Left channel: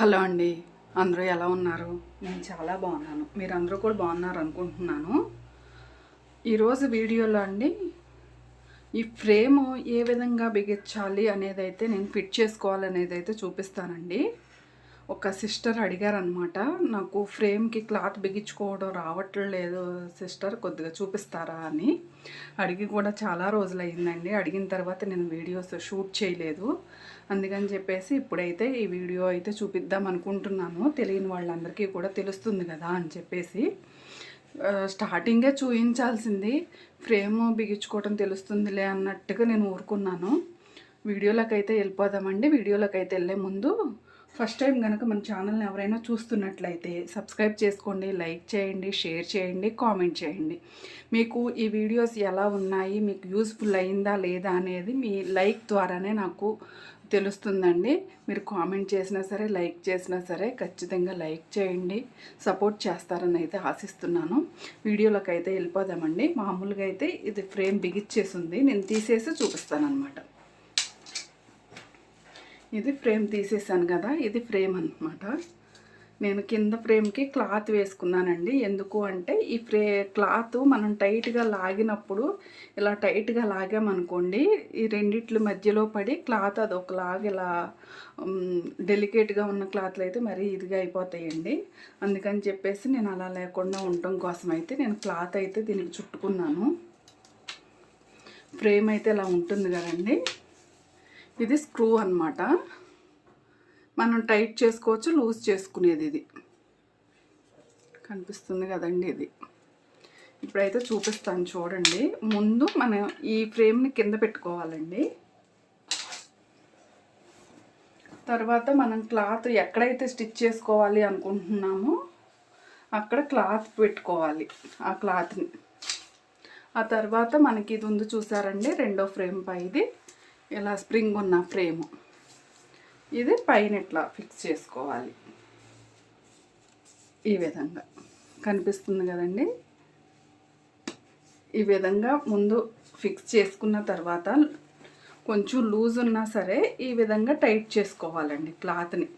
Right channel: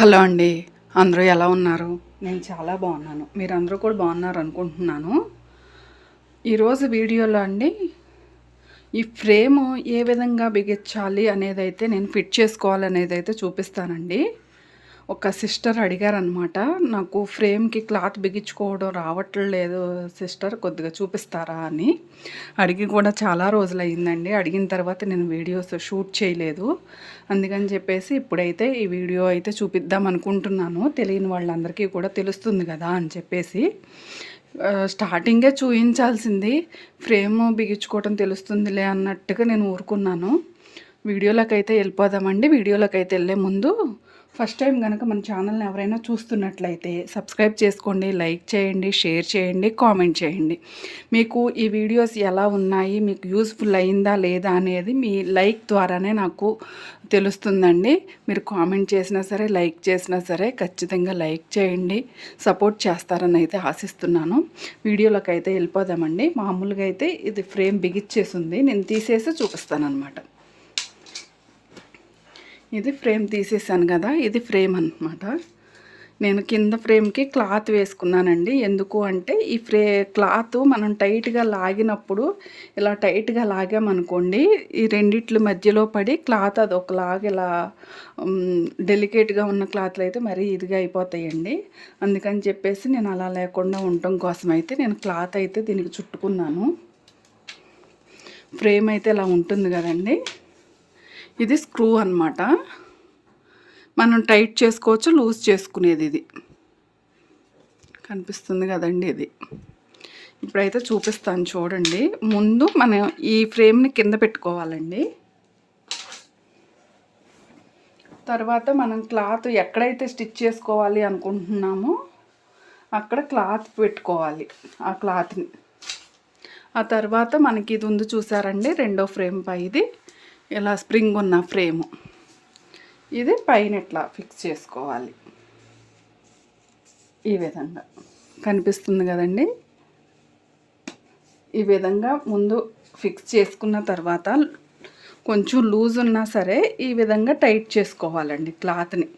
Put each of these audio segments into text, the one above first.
Hello అండి. అందరూ ఎలా ఉన్నారు? నేను చాలా బాగున్నాను. మీరు అందరూ కూడా బాగున్నారు అనుకుంటున్నాను. ఈరోజు వీడియోలో అండి ఈ ఫ్రేమ్ ఏ విధంగా బిగించాలి అనేది అయితే నేను ఫిట్ చేసుకోవాలనేది అయితే చూపిస్తానండి. ఒక సిస్టర్ అడిగారనమాట నాకు ఫ్రేమ్కి క్లాత్ బిగించుకోవడం రావట్లేదు సిస్టర్ కొద్దిగా చూపిస్తారా? అని. అడిగి కూడా చాలా రోజులు అడిగిన తర్వాత నేను వీడియోస్ షూట్ చేయలేదు. అందుకని చెప్పేసి ఇప్పుడైతే ఈ వీడియో అయితే చూపిద్దాం అనుకుంటున్నాను. తెలియని వాళ్ళందరికీ కూడా తెలుస్తుంది కదా అని చెప్పేసి. స్టార్టింగే చూపించాల్సింది ఫ్రేమ్ బిగించుకోవటం తెలుస్తుందిలే అన్నట్టుగా నేను ఊరుకున్నాను. వీడియోలోకి అయితే వెళ్ళిపోదామండి. వీడియోలోకి అయితే వెళ్ళే ముందు ఫస్ట్ టైం కనుక మన ఛానల్ని ఎవరైనా చూస్తున్నట్లయితే సబ్స్క్రైబ్ చేసుకోండి లైక్ చేయండి షేర్ చేయండి కామెంట్ చేయండి. మీకు ఈ వీడియోస్ ఎలా ఉన్నాయి మీకు యూస్ఫుల్ అయిందా లేదా అనేది మీ లైక్ ద్వారానే నాకు తెలుస్తుందండి. మీరు కామెంట్ చేసినా సరే లైక్ చేసినా సరే ఖచ్చితంగా లైక్ చేయండి సపోర్ట్ చేస్తారని అయితే ఆశిస్తున్నాను. వీడియోలోకి అయితే వెళ్ళిపోదామండి. మామూలుగా అయితే ఇది ఫ్రేమ్ బిగిచ్చేసింది నేను తీసేసి చూపిస్తాను అనమాట ఇది ఫ్రేమ్ తీసేసాను కదా ఇది ఫ్రేమ్ అనమాట నేను కింద ఫ్రేమ్కి క్లాత్ వేసుకున్నానండి. ఎందుకు అంటే ఈ ఫ్రే క్లాత్ మనం టైట్గా లాగినప్పుడు ఇలా టైట్గా లాగామనుకోండి ఈ రెండిట్ల మధ్యలో పడి క్లాత్ అది ఒకలాగా ఇలా డెలికేట్గా ఉన్న క్లాత్లు అయితే మరీ ఇదిగా అయిపోతాయండి. అందుకని చెప్పేసి నేను అలా లేకుండా ఉండటం కోసం అయితే నేను క్లాత్ అయితే దీనికి చుట్టుకున్నాను. ఫ్రేమ్ అయితే ఇలా ఉంటుంది కదండి. ఇది స్క్రూ అన్నమాట. మనం టైట్ చేసుకోవచ్చు లూజ్ చేసుకునేది ఇది. కనిపిస్తుంది కదండి ఇది. ఇప్పుడైతే చూపిస్తాను చూడండి. ముందు మనం ఈ ఫ్రేమ్ని కింద పెట్టుకోవాలండి. తర్వాత మనం క్లాత్ ఎక్కడైతే స్టిచ్ చేసుకోవాలి అనుకుంటున్నామో అక్కడ క్లాత్ పెట్టుకోవాలి ఆ క్లాత్ని. ఆ తర్వాత మనకి ఇది ఉంది చూసారండి రెండో ఫ్రేమ్ పై ఇది ఇలా స్ప్రింగ్ ఉన్న ఫ్రేము. ఇది పైన ఇట్లా ఫిక్స్ చేసుకోవాలి. ఈ విధంగా. కనిపిస్తుంది కదండి? ఈ విధంగా ముందు ఫిక్స్ చేసుకున్న తర్వాత కొంచెం లూజ్ ఉన్నా సరే ఈ విధంగా టైట్ చేసుకోవాలండి క్లాత్ని.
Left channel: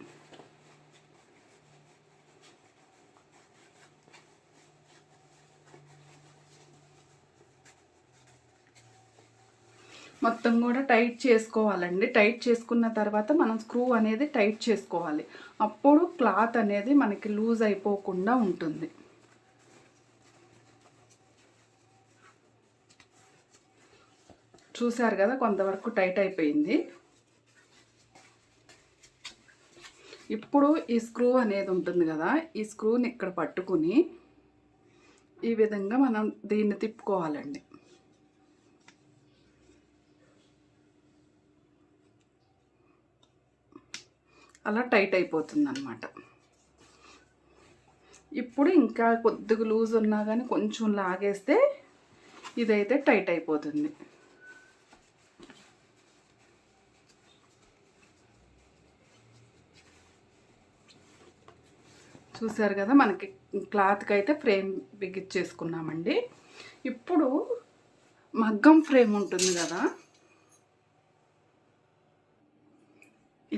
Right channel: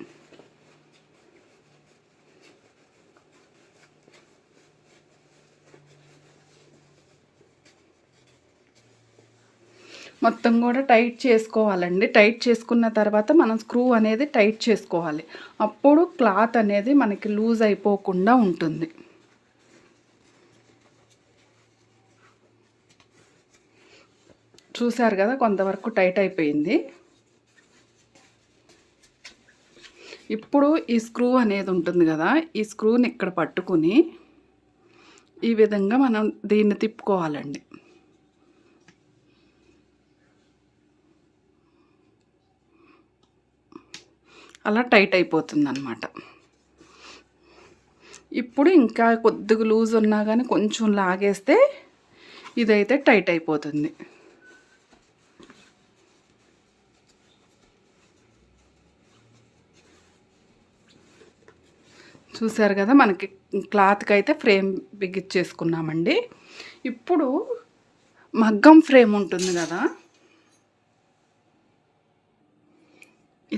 మొత్తం కూడా టైట్ చేసుకోవాలండి. టైట్ చేసుకున్న తర్వాత మనం స్క్రూ అనేది టైట్ చేసుకోవాలి. అప్పుడు క్లాత్ అనేది మనకి లూజ్ అయిపోకుండా ఉంటుంది. చూశారు కదా కొంతవరకు టైట్ అయిపోయింది. ఇప్పుడు ఈ స్క్రూ అనేది ఉంటుంది కదా ఈ స్క్రూని ఇక్కడ పట్టుకుని ఈ విధంగా మనం దీన్ని తిప్పుకోవాలండి. అలా టైట్ అయిపోతుంది అనమాట ఇప్పుడు ఇంకా కొద్దిగా లూజ్ ఉన్నా కానీ కొంచెం లాగేస్తే ఇదైతే టైట్ అయిపోతుంది. చూసారు కదా మనకి క్లాత్కి అయితే ఫ్రేమ్ బిగించేసుకున్నామండి ఇప్పుడు మగ్గం ఫ్రేమ్ ఉంటుంది కదా.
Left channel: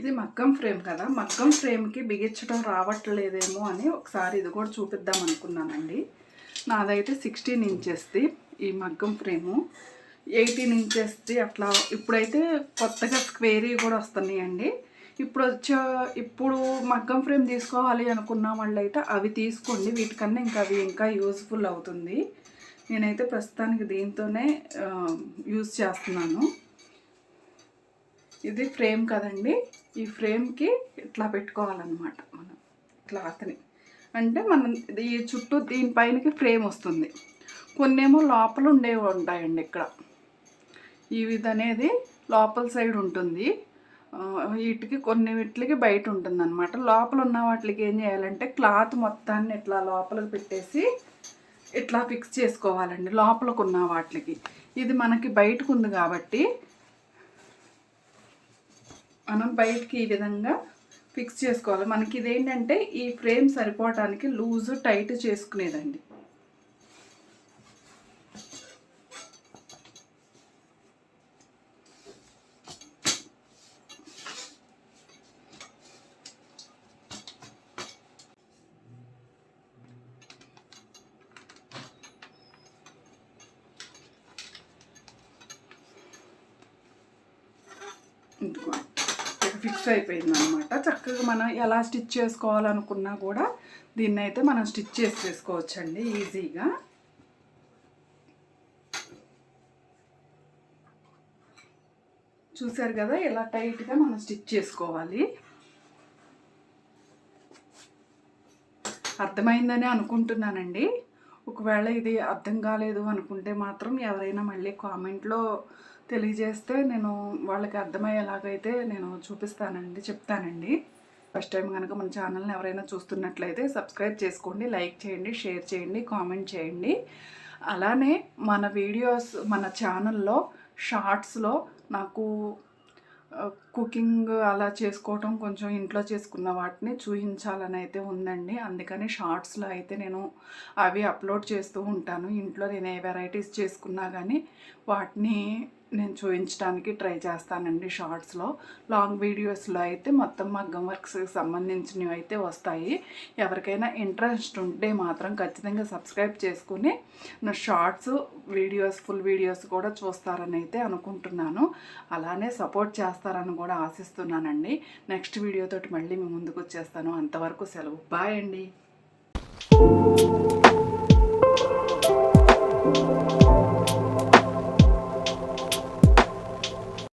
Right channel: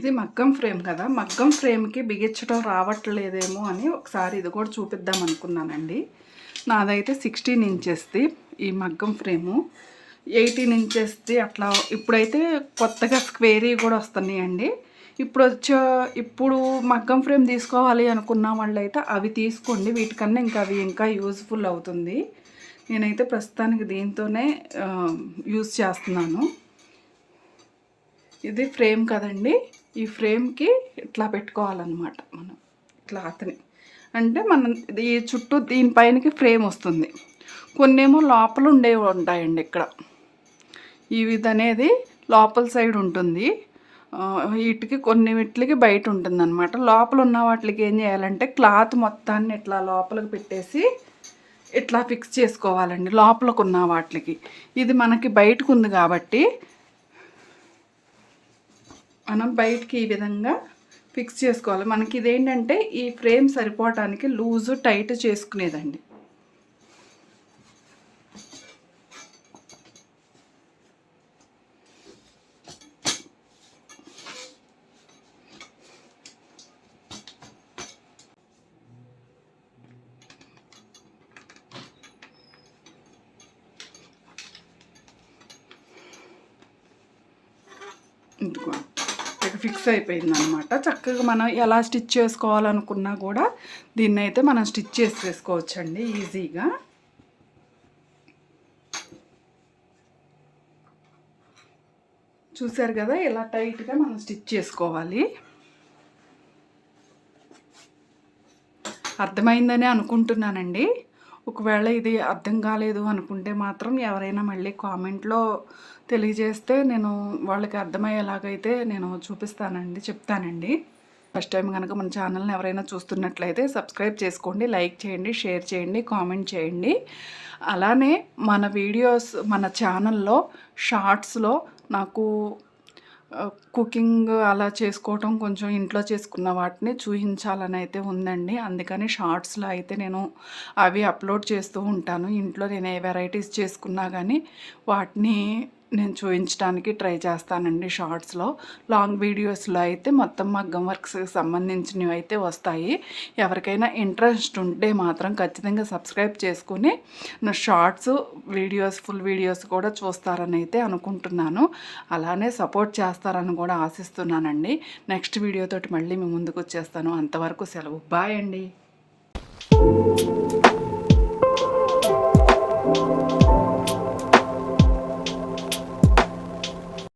ఇది మగ్గం ఫ్రేమ్ కదా. మగ్గం ఫ్రేమ్కి బిగించడం రావట్లేదేమో అని ఒకసారి ఇది కూడా చూపిద్దాం అనుకున్నానండి. నాదైతే సిక్స్టీన్ ఇంచెస్ది ఈ మగ్గం ఫ్రేము. ఎయిటీన్ ఇంచెస్ది అట్లా ఇప్పుడైతే కొత్తగా స్క్వేరీ కూడా వస్తున్నాయండి. ఇప్పుడు వచ్చే ఇప్పుడు మగ్గం ఫ్రేమ్ తీసుకోవాలి అనుకున్న వాళ్ళైతే అవి తీసుకోండి. వీటికన్నా ఇంకా అవి ఇంకా యూజ్ఫుల్ అవుతుంది. నేనైతే ప్రస్తుతానికి దీంతోనే యూజ్ చేస్తున్నాను. ఇది ఫ్రేమ్ కదండి. ఈ ఫ్రేమ్కి ఇట్లా పెట్టుకోవాలన్నమాట మనం క్లాత్ని. అంటే మనం ఈ చుట్టూ దీనిపైనకి ఫ్రేమ్ వస్తుంది. కొన్నేమో లోపల ఉండేవి ఉంటాయండి ఇక్కడ. ఇది అనేది లోపల సైడ్ ఉంటుంది. వీటికి కొన్ని వీటికి బయట ఉంటుంది అనమాట లోపల ఉన్న వాటికి ఏం చేయాలంటే క్లాత్ మొత్తాన్ని ఇట్లా లోపలికి పెట్టేసి ఇట్లా ఫిక్స్ చేసుకోవాలండి. లోపలకు ఉన్న వాటికి. ఇది మనకి బయటకు ఉంది కాబట్టి మనం బయటికి ఈ విధంగా ఫిక్స్ చేసుకోవాలి. మనకి ఇదేంటంటే ఈ ఫ్రేమ్ సరిపోవటానికి లూజు టైట్ చేసుకునేదండి. ఇందుకో ఫిక్స్ అయిపోయింది అనమాట చక్కగా మనం ఎలా స్టిచ్ చేసుకోవాలనుకున్నా కూడా దీన్ని అయితే మనం స్టిచ్ చేసి వేసుకోవచ్చండి ఈజీగా. చూసారు కదా ఇలా టైట్గా మనం స్టిచ్ చేసుకోవాలి. అర్థమైందని అనుకుంటున్నానండి. ఒకవేళ ఇది అర్థం కాలేదు అనుకుంటే మాత్రం ఎవరైనా మళ్ళీ కామెంట్లో తెలియజేస్తే నేను వాళ్ళకి అర్థమయ్యేలాగైతే నేను చూపిస్తానండి చెప్తానండి. ఫస్ట్ టైం కనుక మన ఛానల్ని ఎవరైనా చూస్తున్నట్లయితే సబ్స్క్రైబ్ చేసుకోండి లైక్ చేయండి షేర్ చేయండి కామెంట్ చేయండి. అలానే మన వీడియోస్ మన ఛానల్లో షార్ట్స్లో నాకు కుకింగ్ అలా చేసుకోవటం కొంచెం ఇంట్లో చేసుకున్న వాటిని చూపించాలని అయితే ఉందండి. అందుకని షార్ట్స్లో అయితే నేను అవి అప్లోడ్ చేస్తూ ఉంటాను. ఇంట్లో నేను ఏ వెరైటీస్ చేసుకున్నా కానీ వాటిని నేను చూపించడానికి ట్రై చేస్తానండి షార్ట్స్లో. లాంగ్ వీడియోస్లో అయితే మొత్తం మగ్గం వర్క్స్కి సంబంధించినవి అయితే వస్తాయి. ఎవరికైనా ఇంట్రెస్ట్ ఉంటే మాత్రం ఖచ్చితంగా సబ్స్క్రైబ్ చేసుకుని నా షార్ట్స్ వీడియోస్ ఫుల్ వీడియోస్ కూడా చూస్తారని అయితే అనుకుంటున్నాను. అలానే సపోర్ట్ చేస్తారని కూడా ఆశిస్తున్నానండి. నెక్స్ట్ వీడియోతోటి మళ్ళీ మీ ముందుకు వచ్చేస్తాను. అంతవరకు సెలవు. బాయ్ అండి.